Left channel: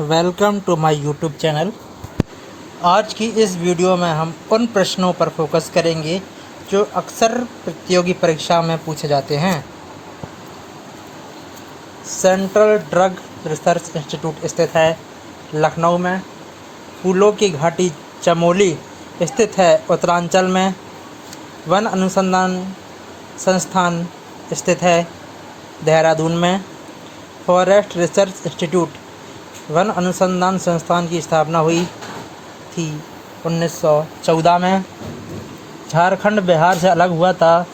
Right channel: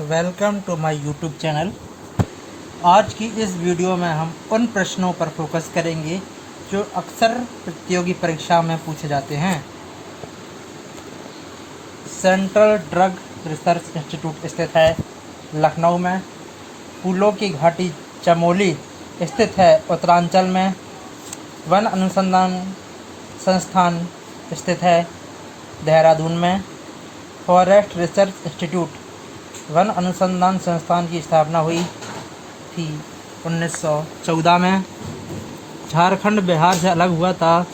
Welcome to my YouTube channel. आज की इस वीडियो में हम उन प्रश्नों पर फोकस करेंगे जो अक्सर प्रतियोगी परीक्षा में पूछे जाते हैं। सेंट्रल ड्रग रिसर्च इंस्टीट्यूट स्थित है लखनऊ में। फूलों की घाटी चमोली स्थित है उत्तरांचल में। वन अनुसंधान संस्थान स्थित है देहरादून में। फॉरेस्ट रिसर्च इंस्टीट्यूट वन अनुसंधान संस्थान की स्थापना हुई थी 1914 में। झारखंड बिहार से अलग हुआ था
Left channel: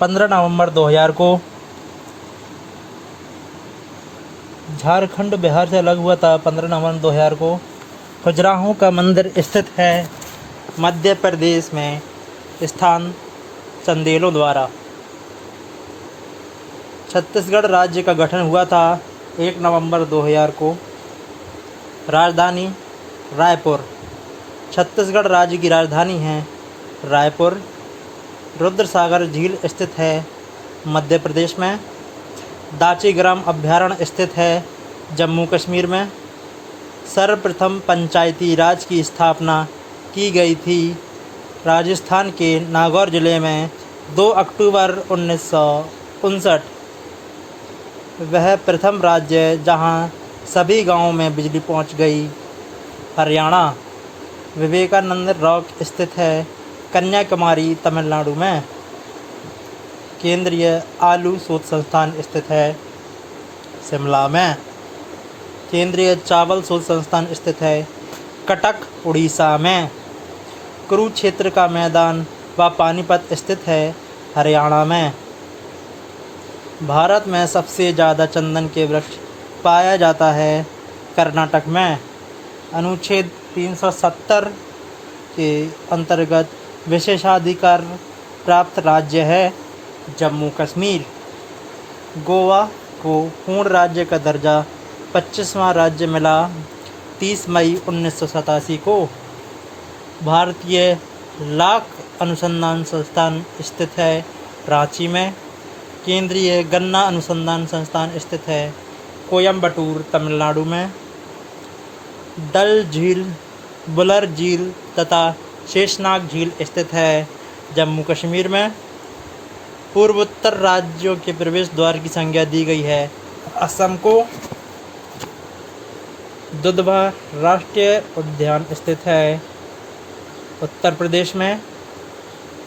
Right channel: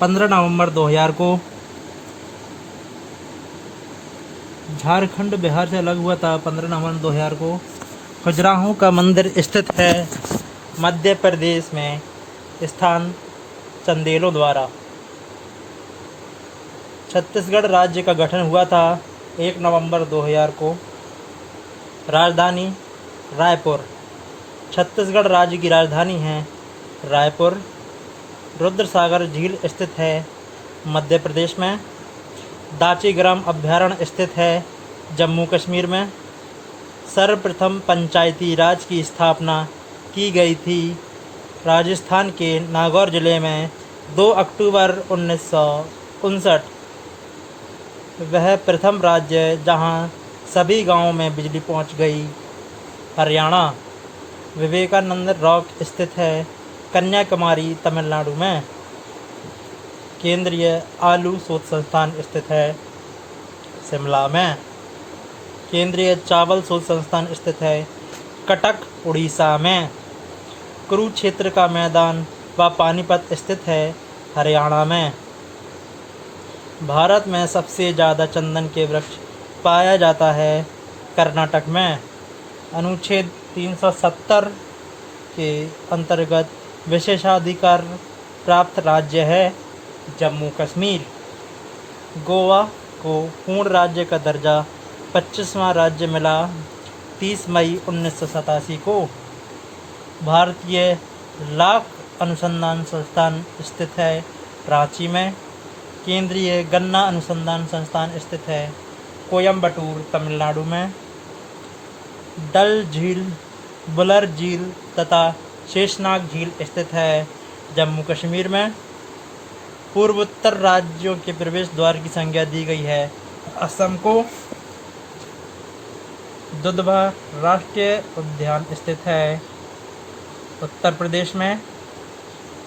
15 नवंबर 2000 को। झारखंड बिहार से अलग हुआ था 15 नवंबर 2000 को। खजुराहो का मंदिर स्थित है मध्य प्रदेश में, स्थान चंदेलों द्वारा। छत्तीसगढ़ राज्य का गठन हुआ था 1 नवंबर 2000 को। राजधानी रायपुर। छत्तीसगढ़ राज्य की राजधानी है रायपुर। रुद्रसागर झील स्थित है मध्य प्रदेश में। दाचीग्राम अभयारण्य स्थित है जम्मू कश्मीर में। सर्वप्रथम पंचायती राज की स्थापना की गई थी राजस्थान के नागौर जिले में 2 अक्टूबर 1959। वह प्रथम राज्य जहां सभी गांवों में बिजली पहुंच गई। हरियाणा। विवेकानंद रॉक स्थित है कन्याकुमारी तमिलनाडु में। केंद्रीय आलू शोध संस्थान स्थित है शिमला में। केंद्रीय चावल शोध संस्थान स्थित है कटक उड़ीसा में। कुरुक्षेत्र का मैदान व पानीपत स्थित है हरियाणा में। भारत में सबसे ज़्यादा चंदन के वृक्ष पाया जाता है कर्नाटक में। अनुच्छेद 370 के अंतर्गत विशेषाधिकार प्राप्त राज्य है जम्मू कश्मीर। गोवा को पूर्ण राज्य का दर्जा 25वां राज्य मिला 30 मई 1987 को। भारतीय लाख अनुसंधान संस्थान स्थित है रांची में। केंद्रीय गन्ना अनुसंधान संस्थान स्थित है कोयम्बटूर तमिलनाडु में। डल झील, बुलर झील तथा शेषनाग झील स्थित है जम्मू कश्मीर में। पूर्वोत्तर राज्यों के प्रवेश द्वार की संज्ञा दी गई है असम को। दुधवा राष्ट्रीय उद्यान स्थित है उत्तर प्रदेश में।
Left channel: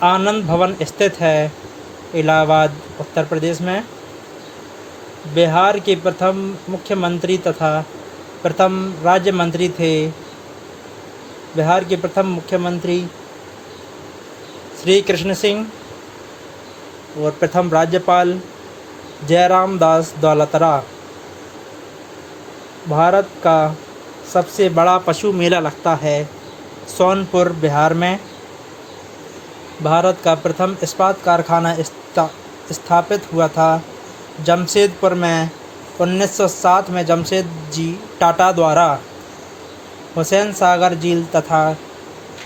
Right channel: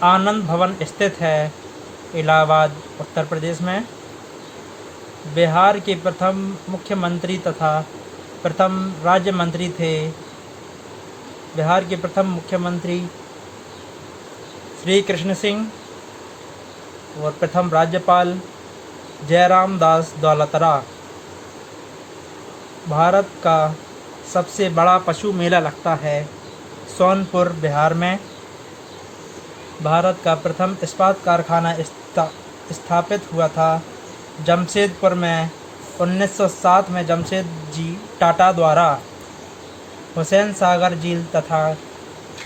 आनंद भवन स्थित है इलाहाबाद उत्तर प्रदेश में। बिहार के प्रथम मुख्यमंत्री तथा प्रथम राज्य मंत्री थे बिहार के प्रथम मुख्यमंत्री श्री कृष्ण सिंह और प्रथम राज्यपाल जयराम दास दौलतरा। भारत का सबसे बड़ा पशु मेला लगता है सोनपुर बिहार में। भारत का प्रथम इस्पात कारखाना स्थापित हुआ था जमशेदपुर में 1907 में जमशेदजी टाटा द्वारा। हुसैन सागर झील तथा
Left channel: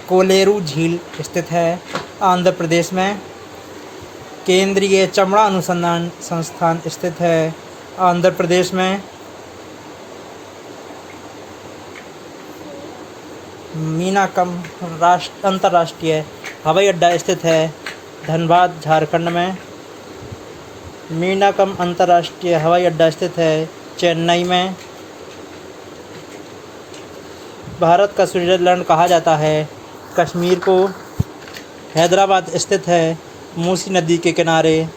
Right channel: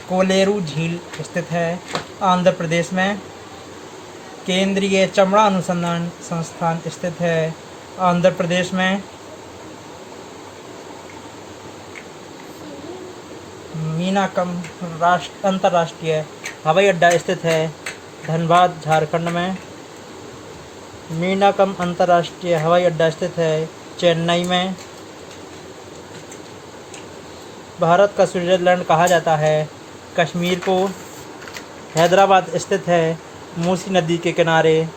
कोलेरू झील स्थित है आंध्र प्रदेश में। केंद्रीय चमड़ा अनुसंधान संस्थान स्थित है आंध्र प्रदेश में। मीनाकम अंतर्राष्ट्रीय हवाई अड्डा स्थित है धनबाद झारखंड में। मीनाकम अंतर्राष्ट्रीय हवाई अड्डा स्थित है चेन्नई में। भारत का स्विट्जरलैंड कहा जाता है कश्मीर को। हैदराबाद स्थित है मूसी नदी के किनारे।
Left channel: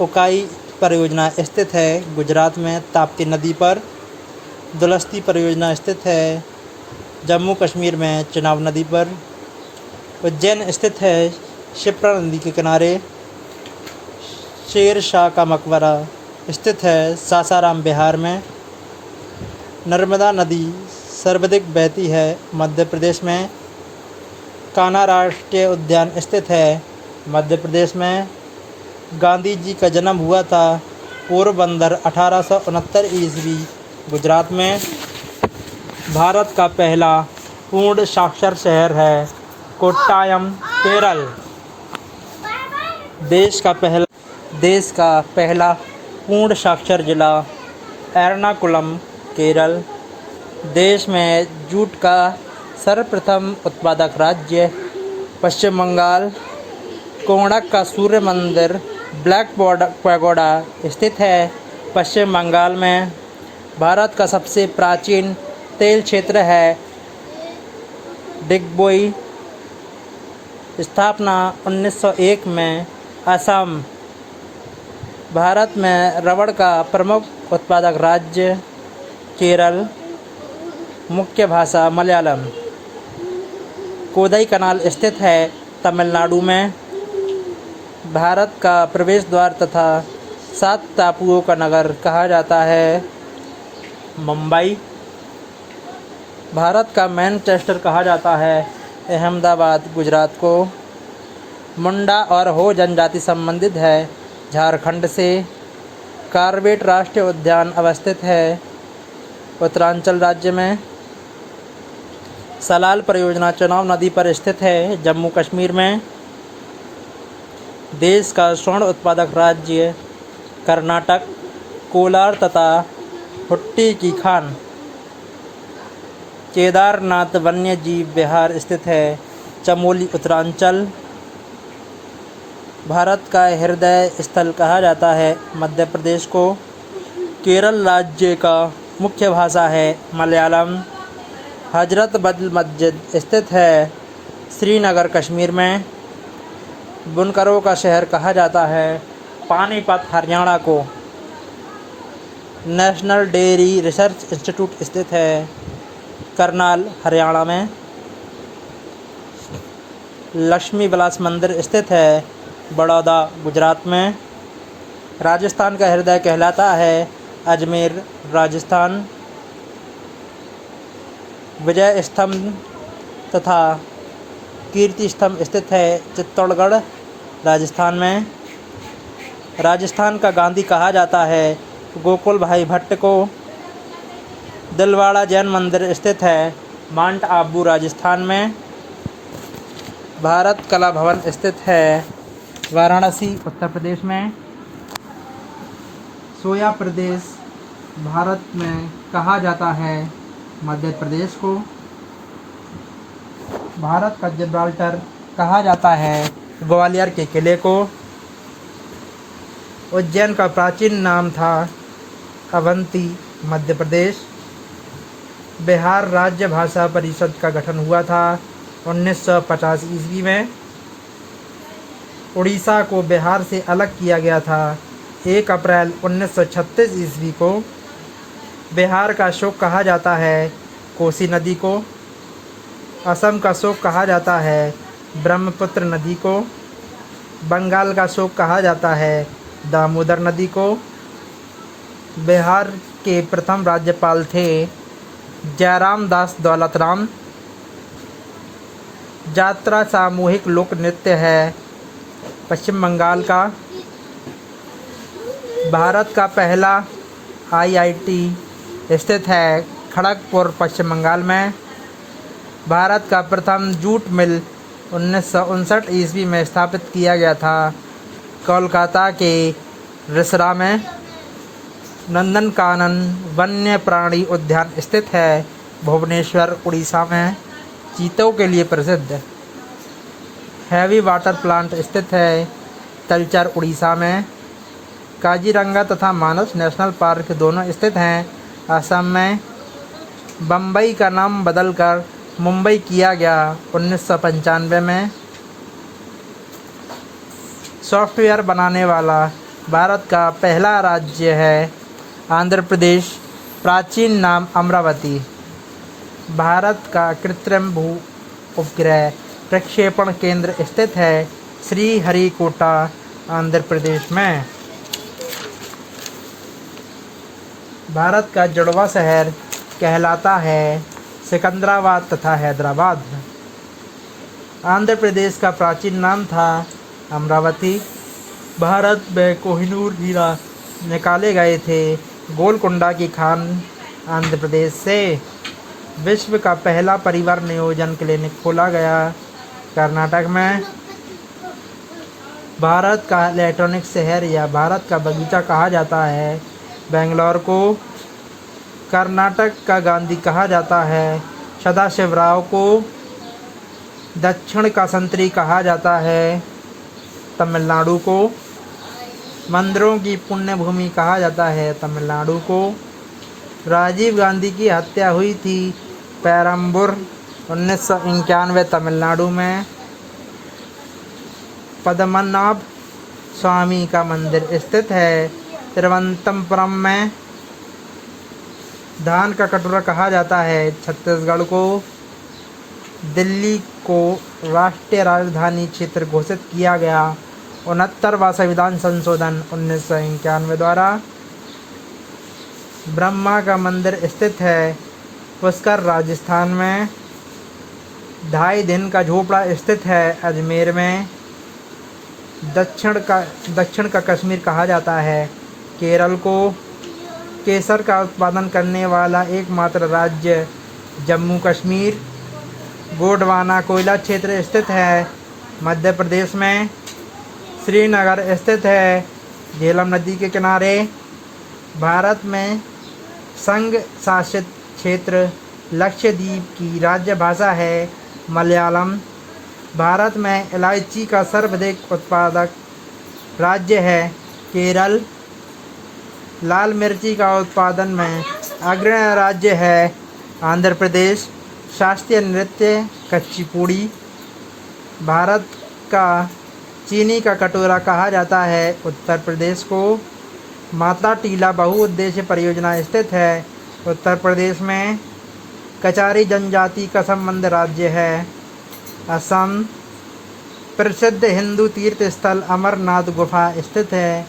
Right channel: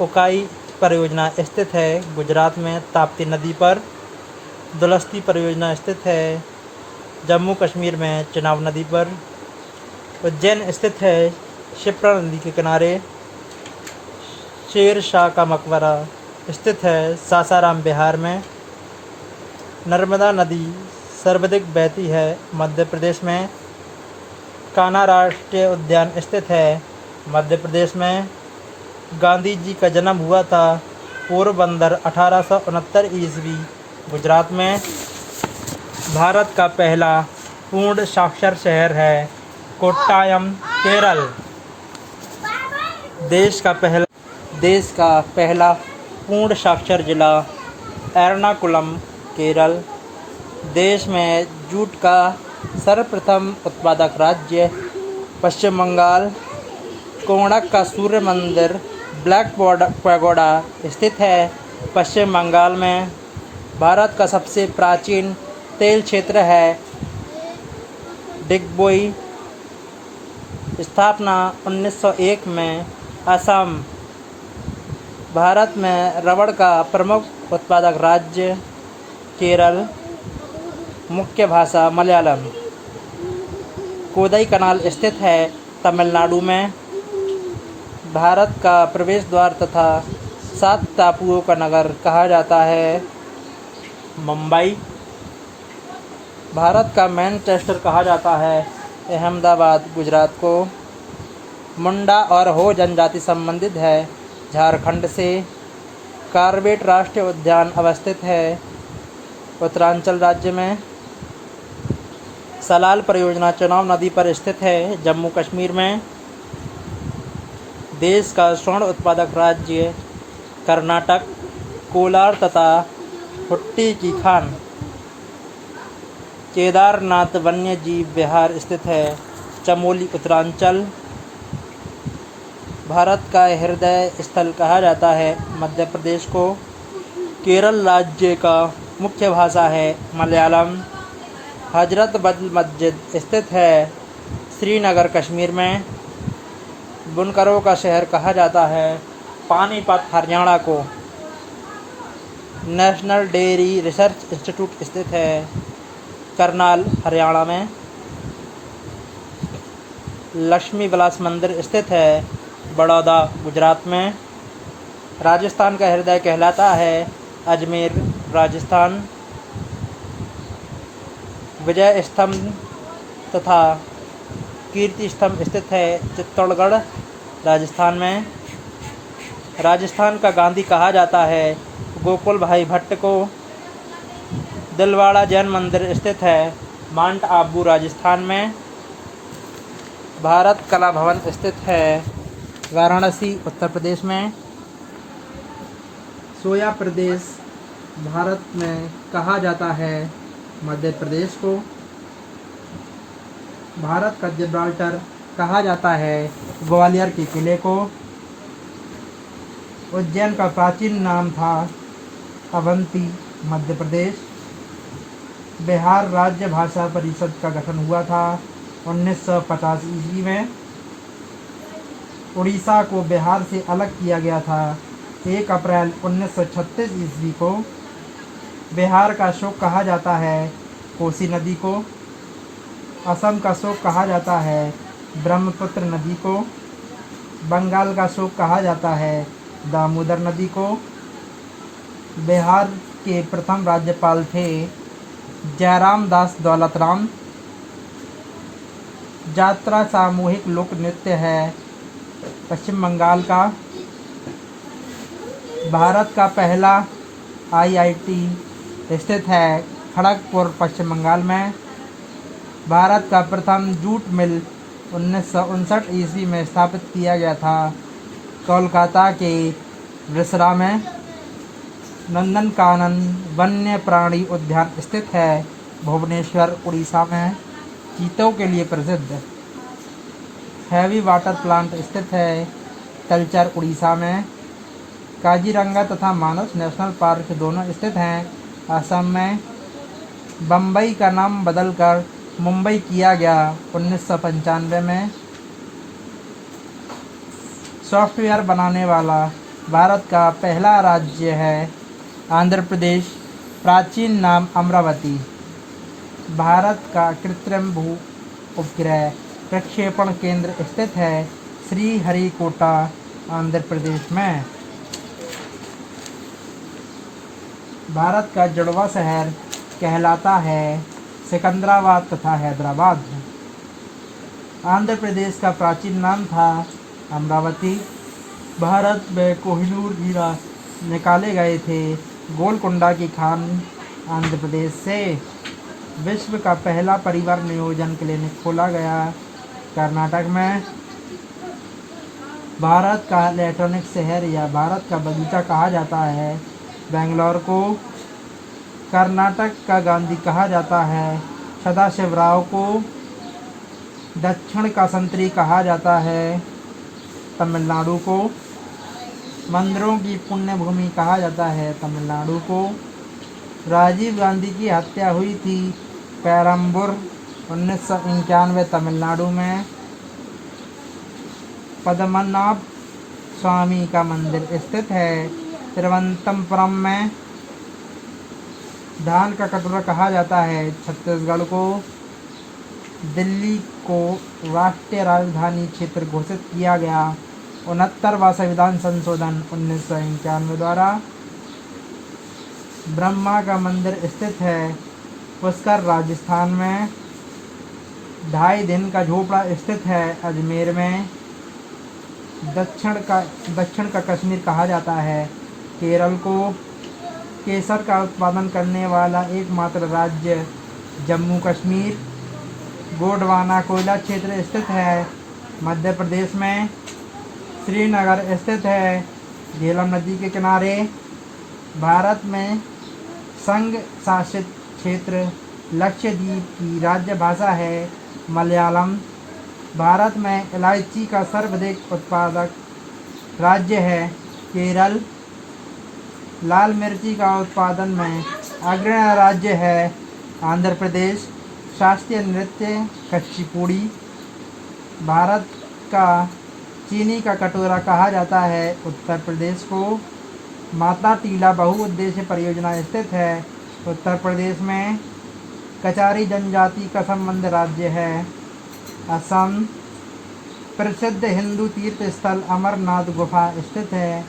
उकाई परियोजना स्थित है गुजरात में ताप्ती नदी पर। दुलस्ती परियोजना स्थित है जम्मू कश्मीर में चिनाब नदी पर। उज्जैन स्थित है शिप्रा नदी के किनारे। शेर शाह का मकबरा स्थित है सासाराम बिहार में। नर्मदा नदी सर्वाधिक बहती है मध्य प्रदेश में। कान्हा राष्ट्रीय उद्यान स्थित है मध्य प्रदेश में। गांधी जी का जन्म हुआ था पोरबंदर 1869 ईस्वी गुजरात में। भारत का पहला पूर्ण साक्षर शहर है कोट्टायम केरल। देश का पहला पूर्ण साक्षर जिला एर्नाकुलम केरल। देश में जूट का सर्वप्रथम उत्पादक राज्य पश्चिम बंगाल। कोणार्क का सूर्य मंदिर ब्लैक पैगोडा स्थित है पश्चिम बंगाल में। भारत का सबसे प्राचीन तेल क्षेत्र है डिगबोई। स्थापना 1901 में। असम। भारत में रबड़ का प्रमुख उत्पादक राज्य केरल। मुख्य भाषा मलयालम। कोदई कनाल स्थित है तमिलनाडु में। भारत का प्रवेश द्वार तथा 7 टापुओं का नगर कहा जाता है मुंबई। भारत का मैनचेस्टर कहा जाता है अहमदाबाद गुजरात को। मुंडा और हो जनजाति संबंधित है झारखंड से। कार्बेट राष्ट्रीय उद्यान अवस्थित है उत्तरांचल राज्य में। सलाल परियोजना चनाब नदी पर स्थित है जम्मू कश्मीर में। देश का स्वर्ण उत्पादक राज्य कर्नाटक। कोलार तथा हुट्टी की खान। केदारनाथ वन्य जीव विहार स्थित है चमोली उत्तरांचल। भारत का हृदय स्थल कहा जाता है मध्य प्रदेश को। केरल राज्य का मुख्य भाषा है मलयालम। हजरत बल मस्जिद स्थित है श्रीनगर कश्मीर में। बुनकरों का शहर कहा जाता है पानीपत हरियाणा को। नेशनल डेयरी रिसर्च इंस्टीट्यूट स्थित है करनाल हरियाणा में। लक्ष्मी विलास मंदिर स्थित है बड़ौदा गुजरात में। राजस्थान का हृदय कहलाता है अजमेर राजस्थान। विजय स्तंभ तथा कीर्ति स्तंभ स्थित है चित्तौड़गढ़ राजस्थान में। राजस्थान का गांधी कहा जाता है गोकुल भाई भट्ट को। दिलवाड़ा जैन मंदिर स्थित है माउंट आबू राजस्थान में। भारत कला भवन स्थित है वाराणसी उत्तर प्रदेश में। सोया प्रदेश भारत में कहा जाता है मध्य प्रदेश को। भारत का जिब्राल्टर कहा जाता है ग्वालियर के किले को। उज्जैन का प्राचीन नाम था अवंती मध्य प्रदेश। बिहार राज्य भाषा परिषद का गठन हुआ था 1950 ईस्वी में। उड़ीसा को बिहार से अलग किया गया था 1 अप्रैल 1936 ईस्वी को। बिहार का शोक कहा जाता है कोसी नदी को। असम का शोक कहा जाता है ब्रह्मपुत्र नदी को। बंगाल का शोक कहा जाता है दामोदर नदी को। बिहार के प्रथम राज्यपाल थे जयराम दास दौलतराम। यात्रा सामूहिक लोक नृत्य है पश्चिम बंगाल का। भारत का पहला IIT स्थित है खड़गपुर पश्चिम बंगाल में। भारत का प्रथम जूट मिल 1959 ईस्वी में स्थापित किया गया था कोलकाता के रिसरा में। नंदनकानन वन्य प्राणी उद्यान स्थित है भुवनेश्वर उड़ीसा में चीतों के लिए प्रसिद्ध। हैवी वाटर प्लांट स्थित है तलचर उड़ीसा में। काजीरंगा तथा मानस नेशनल पार्क दोनों स्थित हैं असम में। बम्बई का नाम बदलकर मुंबई किया गया 1995 में। सॉफ्टवेयर बनाने वाला भारत का पहला राज्य है आंध्र प्रदेश। प्राचीन नाम अमरावती। भारत का कृत्रिम भू उपग्रह प्रक्षेपण केंद्र स्थित है श्रीहरिकोटा आंध्र प्रदेश में। भारत का जुड़वा शहर कहलाता है सिकंदराबाद तथा हैदराबाद। आंध्र प्रदेश का प्राचीन नाम था अमरावती। भारत में कोहिनूर हीरा निकाले गए थे गोलकुंडा की खान आंध्र प्रदेश से। विश्व का पहला परिवार नियोजन क्लिनिक खोला गया कर्नाटक में। भारत का इलेक्ट्रॉनिक शहर या भारत का बगीचा कहा जाता है बेंगलोर को। कर्नाटक का गांधी कहा जाता है। सदाशिवराव को दक्षिण का संतरी कहा जाता है। तमिलनाडु को मंदिरों की पुण्य भूमि कहा जाता है। तमिलनाडु को राजीव गांधी की हत्या हुई थी पेरम्बूर 1991 तमिलनाडु में। पद्मनाभ स्वामी का मंदिर स्थित है तिरुवनंतपुरम में। धान का कटोरा कहा जाता है छत्तीसगढ़ को। दिल्ली को राष्ट्रीय राजधानी क्षेत्र घोषित किया गया 69वां संविधान संशोधन 1991 द्वारा। ब्रह्मा का मंदिर स्थित है पुष्कर राजस्थान में। 2.5 दिन का झोपड़ा स्थित है अजमेर में। दक्षिण का कश्मीर कहा जाता है केरल को। केसर का उत्पादन करने वाला एकमात्र राज्य जम्मू कश्मीर। गोंडवाना कोयला क्षेत्र स्थित है मध्य प्रदेश में। श्रीनगर स्थित है झेलम नदी के किनारे। भारत में संघ शासित क्षेत्र लक्षद्वीप की राज्य भाषा है मलयालम। भारत में इलायची का सर्वाधिक उत्पादक राज्य है केरल। लाल मिर्ची का उत्पादन में अग्रणी राज्य है आंध्र प्रदेश। शास्त्रीय नृत्य कुचिपुड़ी। भारत का चीनी का कटोरा कहा जाता है उत्तर प्रदेश को। माता टीला बहुउद्देश्य परियोजना स्थित है उत्तर प्रदेश में। कचारी जनजाति का संबंध राज्य है असम। प्रसिद्ध हिंदू तीर्थ स्थल अमरनाथ गुफा स्थित है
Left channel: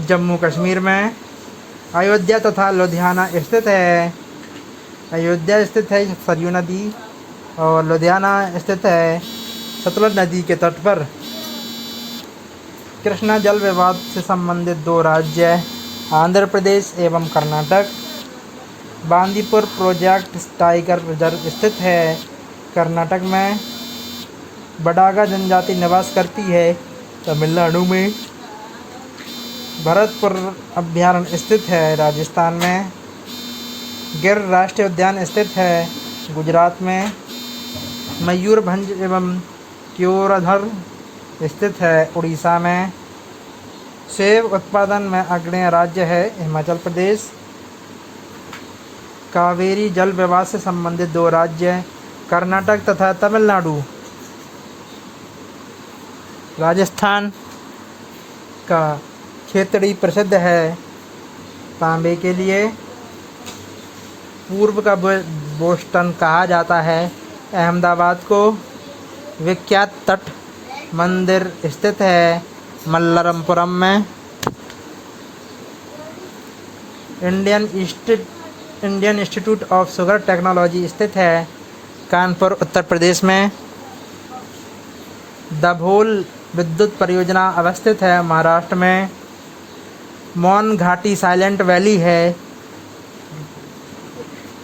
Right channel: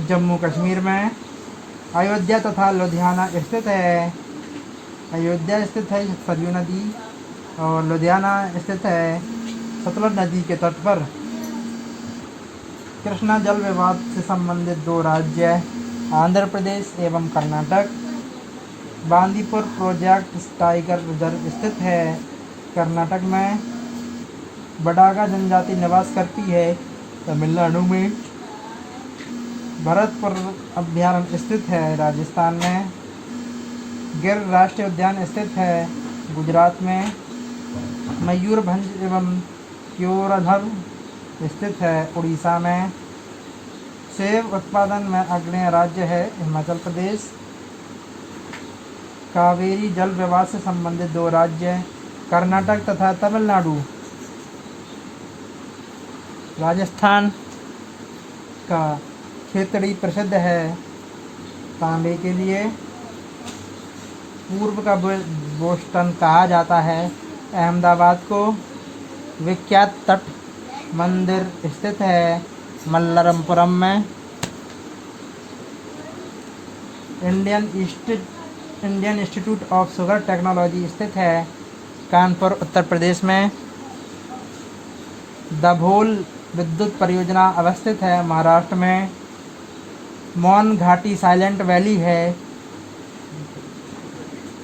जम्मू कश्मीर में। अयोध्या तथा लुधियाना स्थित है। अयोध्या स्थित है सरयू नदी और लुधियाना स्थित है सतलज नदी के तट पर। कृष्णा जल विवाद से संबंधित 2 राज्य आंध्र प्रदेश एवं Karnataka. Bandipur project tiger reserve स्थित है कर्नाटक में। बडागा जनजाति निवास करती है तमिलनाडु में। भरतपुर अभयारण्य स्थित है राजस्थान में। गिर राष्ट्रीय उद्यान स्थित है गुजरात में। मयूरभंज एवं क्योरधर स्थित है उड़ीसा में। सेब उत्पादन में अग्रणी राज्य है हिमाचल प्रदेश। कावेरी जल विवाद से संबंधित 2 राज्य कर्नाटक तथा तमिलनाडु। राजस्थान का क्षेत्री प्रसिद्ध है तांबे के लिए। पूर्व का बोस्टन कहा जाता है अहमदाबाद को। विख्यात तट मंदिर स्थित है मल्लरमपुरम में। Indian institute of sugar technology स्थित है कानपुर उत्तर प्रदेश में। दाभोल विद्युत परियोजना अवस्थित है महाराष्ट्र में। मौन घाटी साइलेंट वैली है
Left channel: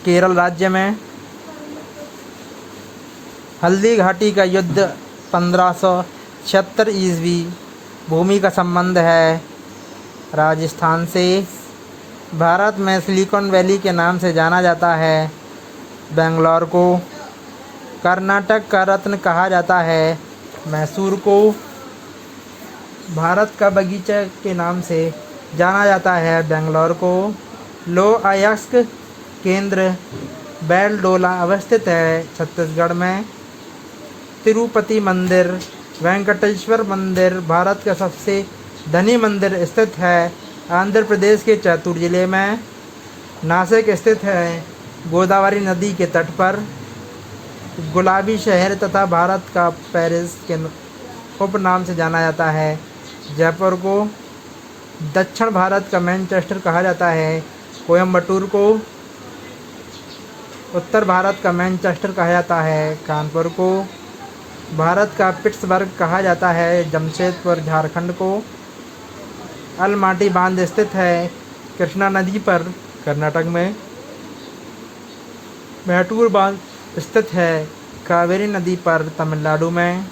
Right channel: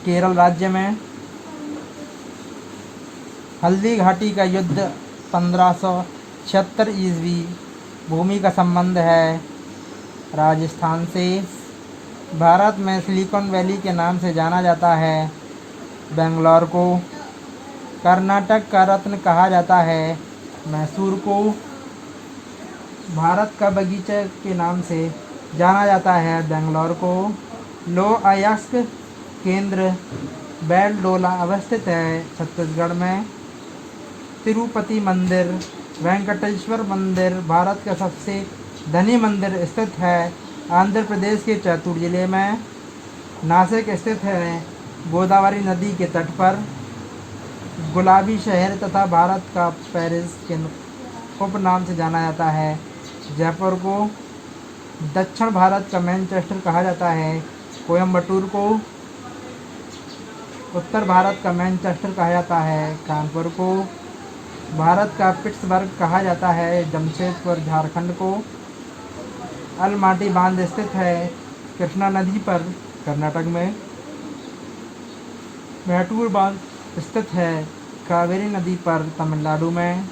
केरल राज्य में। हल्दी घाटी का युद्ध 1576 ईस्वी भूमि का संबंध है राजस्थान से। भारत में सिलिकॉन वैली के नाम से जाना जाता है बेंगलोर को। कर्नाटक का रत्न कहा जाता है मैसूर को। भारत का बगीचा के नाम से जाना जाता है बेंगलोर को। लो अयस्क केंद्र बैलडोला अवस्थित है छत्तीसगढ़ में। तिरुपति मंदिर वेंकटेश्वर मंदिर भारत का सबसे धनी मंदिर स्थित है आंध्र प्रदेश के चैतूर जिले में। नासिक स्थित है गोदावरी नदी के तट पर। गुलाबी शहर तथा भारत का पेरिस के उपनाम से जाना जाता है जयपुर को। दक्षिण भारत का मैनचेस्टर कहा जाता है कोयम्बटूर को। उत्तर भारत का मैनचेस्टर कहा जाता है कानपुर को। भारत का पिट्सबर्ग कहा जाता है जमशेदपुर झारखंड को। अलमाटी बांध स्थित है कृष्णा नदी पर कर्नाटक में। मैटूर बांध स्थित है कावेरी नदी पर तमिलनाडु में।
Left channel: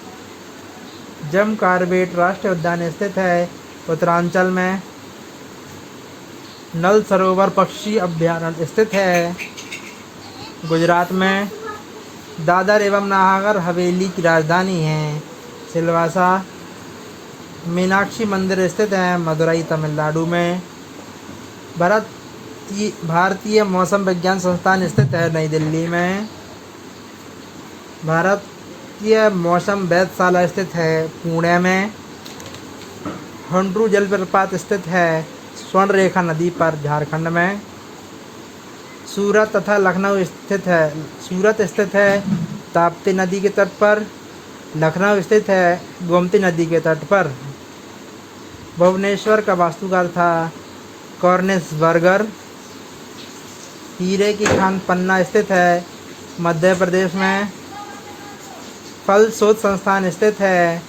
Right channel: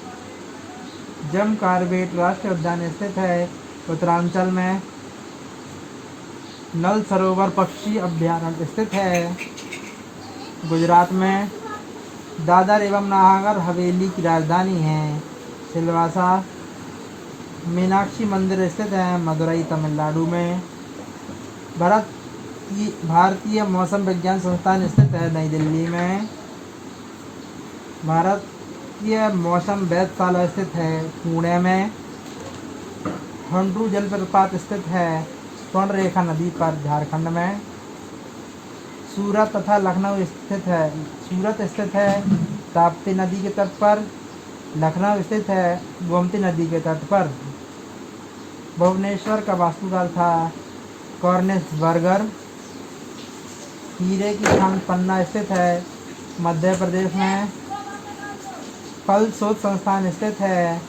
जम कार्बेट राष्ट्रीय उद्यान स्थित है उत्तरांचल में। नल सरोवर पक्षी अभयारण्य स्थित है। गुजरात में दादर एवं नागर हवेली की राजधानी है। सिलवासा। मीनाक्षी मंदिर स्थित है मदुरई तमिलनाडु में। भारतीय मौसम विज्ञान संस्थान स्थित है नई दिल्ली में। भारतीय मौसम वेधशाला स्थित है पुणे में। हुंड्रू जलप्रपात स्थित है स्वर्ण रेखा नदी पर झारखंड में। सूरत तथा लखनऊ स्थित है ताप्ती नदी के तट पर। लखनऊ स्थित है गोमती नदी के तट पर। भुवनेश्वर का वास्तुकार था कॉर्निस बर्गर। हीरे की खान पन्ना स्थित है मध्य प्रदेश में। फल शोध संस्थान स्थित है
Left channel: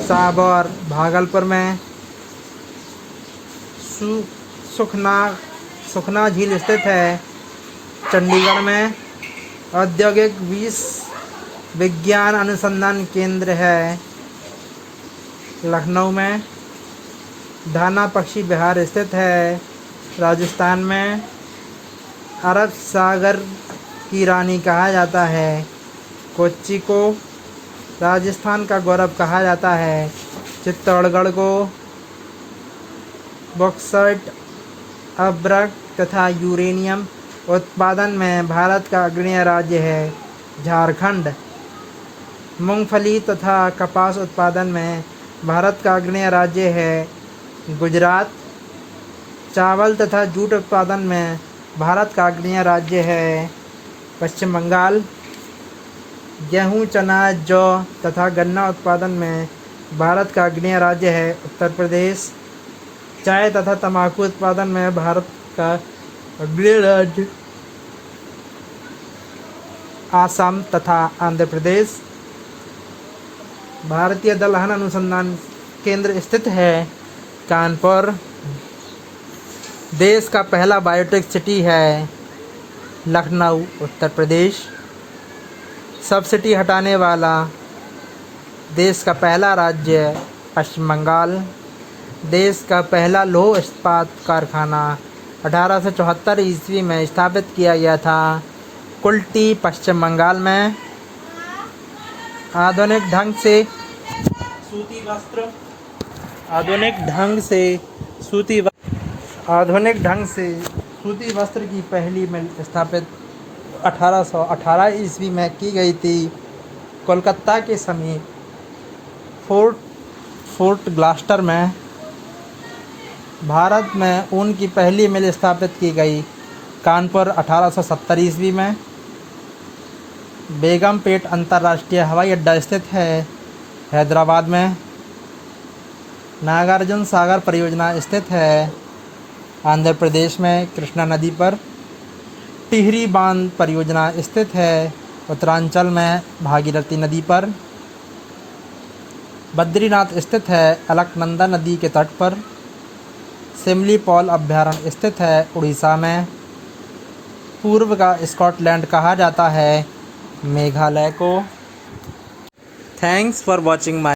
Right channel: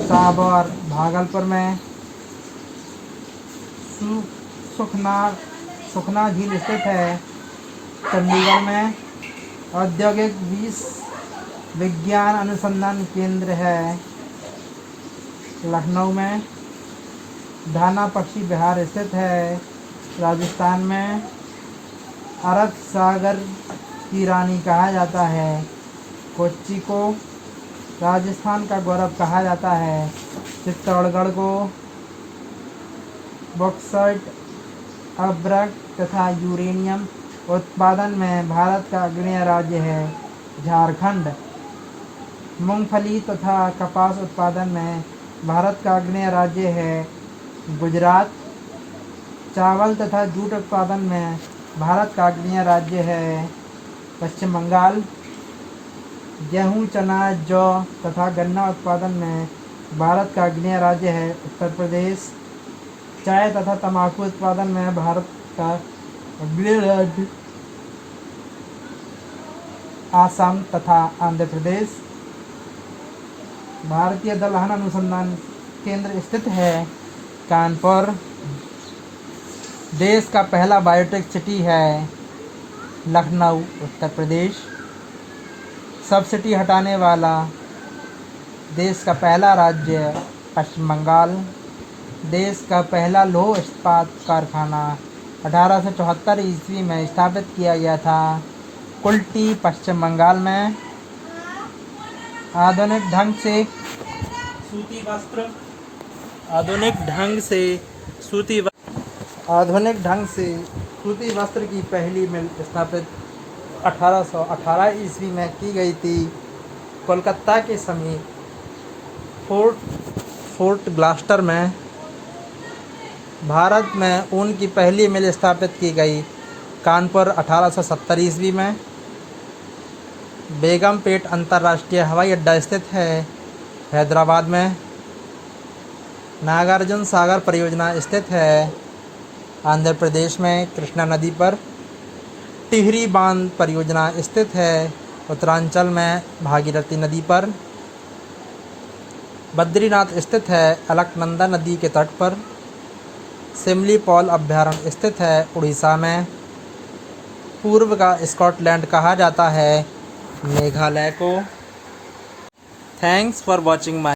साबौर भागलपुर में। सुखना झील स्थित है चंडीगढ़ में। औद्योगिक विज्ञान अनुसंधान केंद्र है लखनऊ में। धाना पक्षी विहार स्थित है राजस्थान में। अरब सागर की रानी कहा जाता है कोच्चि को। राजस्थान का गौरव कहा जाता है चित्तौड़गढ़ को। बॉक्साइट अभ्रक तथा यूरेनियम उत्पादन में भारत का अग्रणी राज्य है झारखंड। मूंगफली तथा कपास उत्पादन में भारत का अग्रणी राज्य है गुजरात। चावल तथा जूट उत्पादन में भारत का अग्रणी राज्य है पश्चिम बंगाल। गेहूं, चना, जौ तथा गन्ना उत्पादन में भारत का अग्रणी राज्य है उत्तर प्रदेश। चाय तथा तंबाकू उत्पादन में भारत का अग्रणी राज्य आसाम तथा आंध्र प्रदेश। भारतीय दलहन अनुसंधान केंद्र स्थित है कानपुर। देश का पहला बायोटेक सिटी है लखनऊ उत्तर प्रदेश। सब्सिडी हटाने वाला देश का पहला राज्य पश्चिम बंगाल। देश का पहला लौह इस्पात कारखाना 1874 ईस्वी में स्थापित किया गया था कुल्टी पश्चिम बंगाल में। आधुनिक ढंग से सूती वस्त्र की पहली मिल स्थापित 1818 ईस्वी में की गई थी कोलकाता के समीप फोर्ट ग्लास्टर में। भारत में ऊन की पहली मिल स्थापित की गई कानपुर 1870 ईस्वी में। बेगमपेट अंतर्राष्ट्रीय हवाई अड्डा स्थित है हैदराबाद में। नागार्जुन सागर परियोजना स्थित है आंध्र प्रदेश में कृष्णा नदी पर। टिहरी बांध परियोजना स्थित है उत्तरांचल में भागीरथी नदी पर। बद्रीनाथ स्थित है अलकनंदा नदी के तट पर। सिमलीपाल अभयारण्य स्थित है उड़ीसा में। पूर्व का स्कॉटलैंड कहा जाता है मेघालय को। Thanks for watching my